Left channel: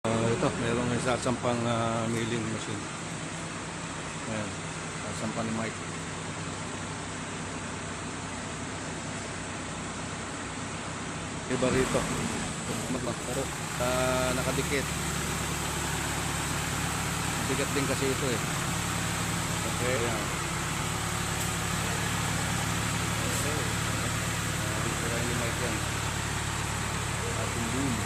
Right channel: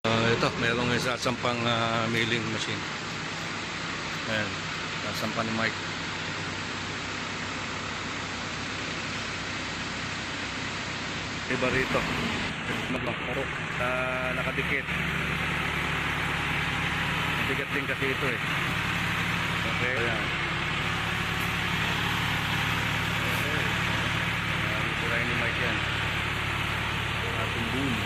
Ito, mayroong isa sampang milling machine. Ayan, sasampa ni Mike. Iba rito. Nakadikit. Mabigat din kasi ito eh. Okay. Ayan. Okay. Sirain ni Mike yan. Ating boom.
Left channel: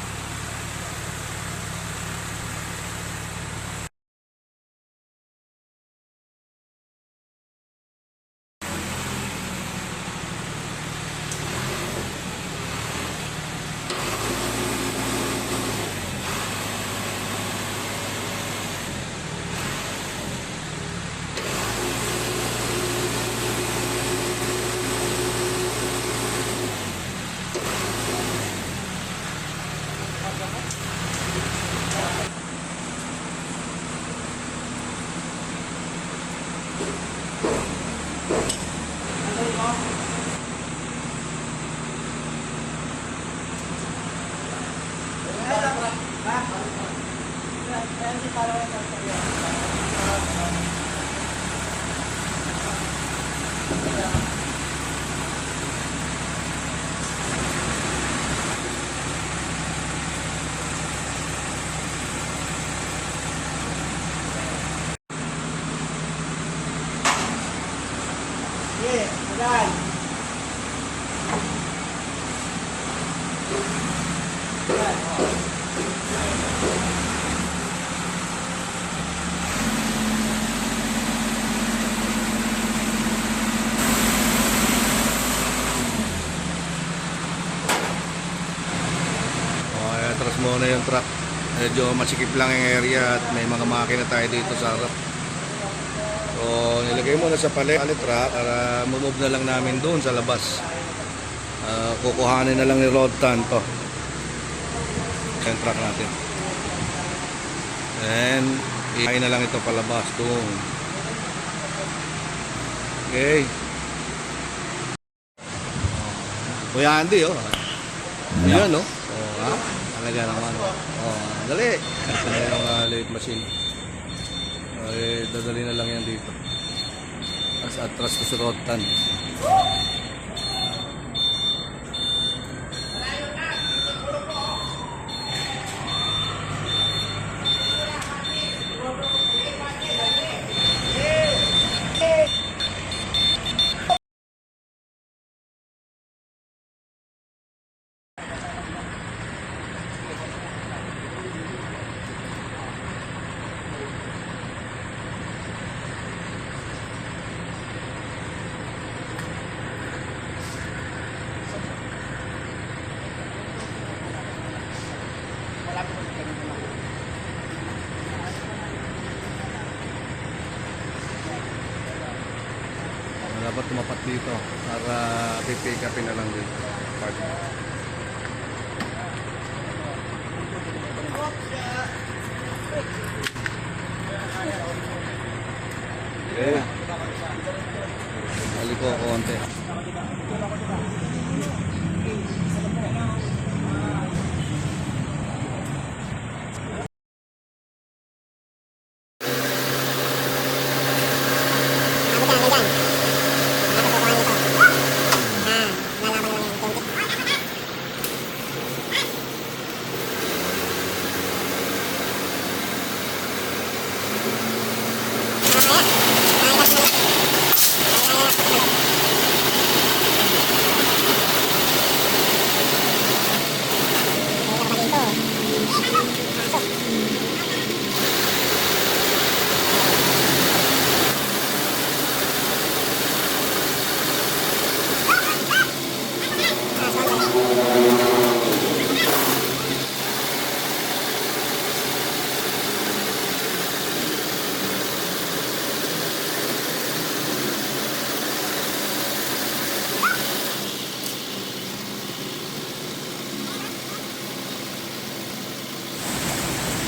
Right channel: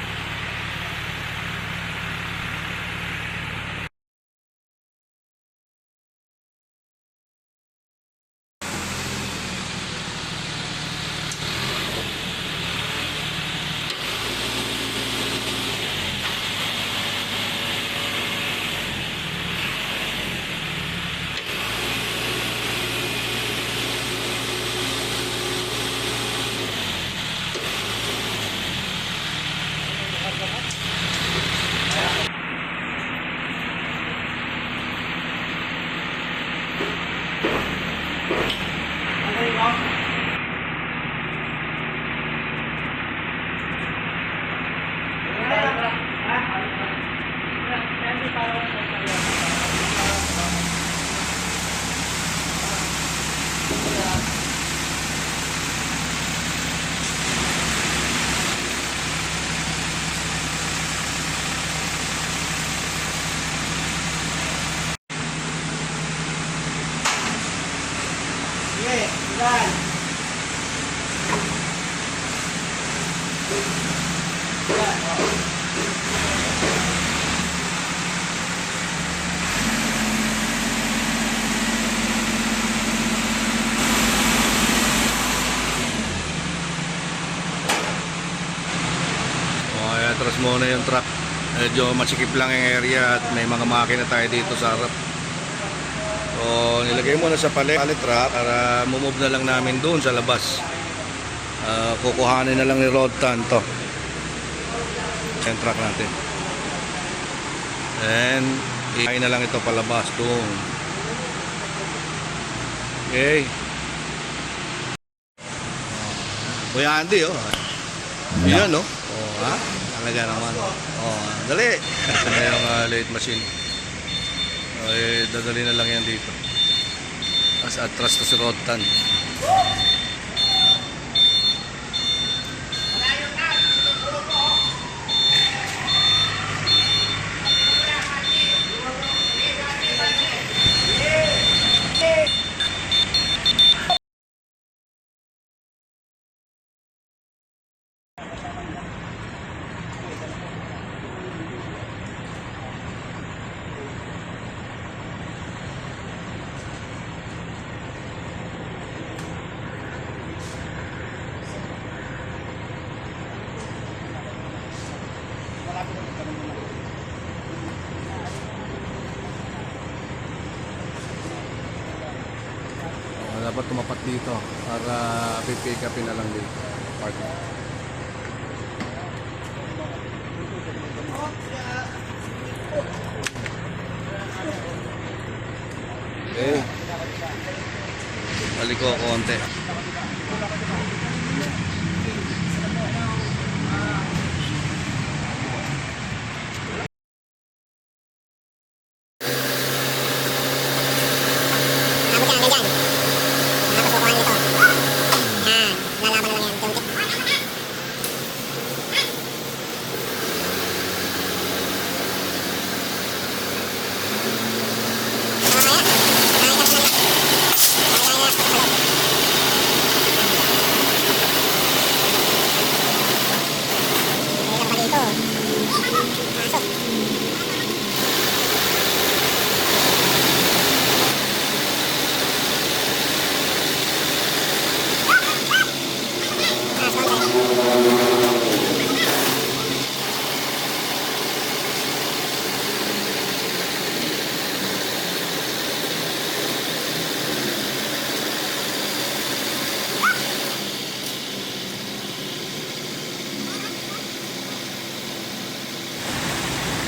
Atras muna yung truck. Medyo masikip lang yung area at may mga makina tayo dito sa harap. So nilagay muna sa pallet truck para move na lang namin doon sa labas. Kukuhanin na lang ni Rodtan to yung truck natin, and i-high na lang ito palabas doon. Okay, Kuya Andy, oh yan, no? Oh, ha? Talaga naman. Oh, dali. Ito na yung late machine. Dadali na lang yan dito. Atras to si Rodtan. Dapat tumapat dito para pipick upin na lang dito park. Okay, balik ko konti.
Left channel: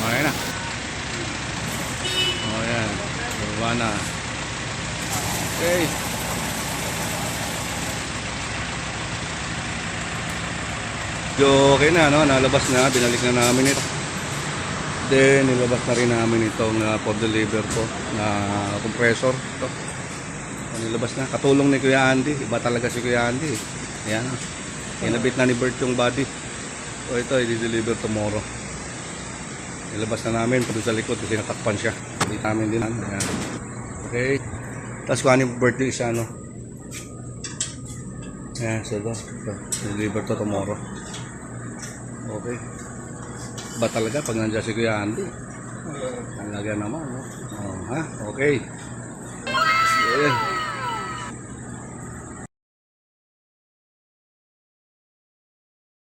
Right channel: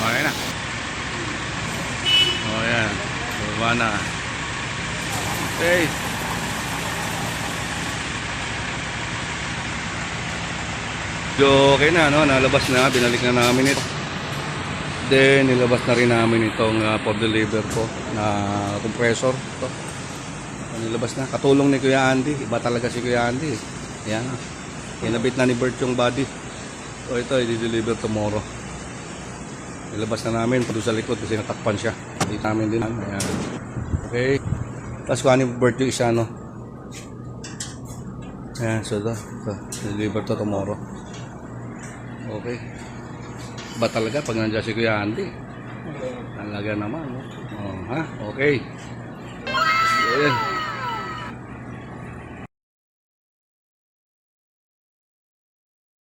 Okay na. Oh yan, baba na. Okay. Okay na, no? Nalabas na, binalik na namin ito. Then, nilabas na rin namin itong for deliver po na compressor. Ito. Nilabas na. Katulong ni Kuya Andy. Iba talaga si Kuya Andy. Ayan. Inabit na ni Bert yung body. So, ito, i-deliver tomorrow. Nilabas na namin doon sa likod kasi natakpan siya. Dito namin din. Ayan. Okay. Tapos kuha ni Bert yung isa, no? Ayan, so ito. Deliver to tomorrow. Okay. Ba talaga pag nandiyan si Kuya Andy? Talaga naman, no? Oh, ha? Okay. Ayan.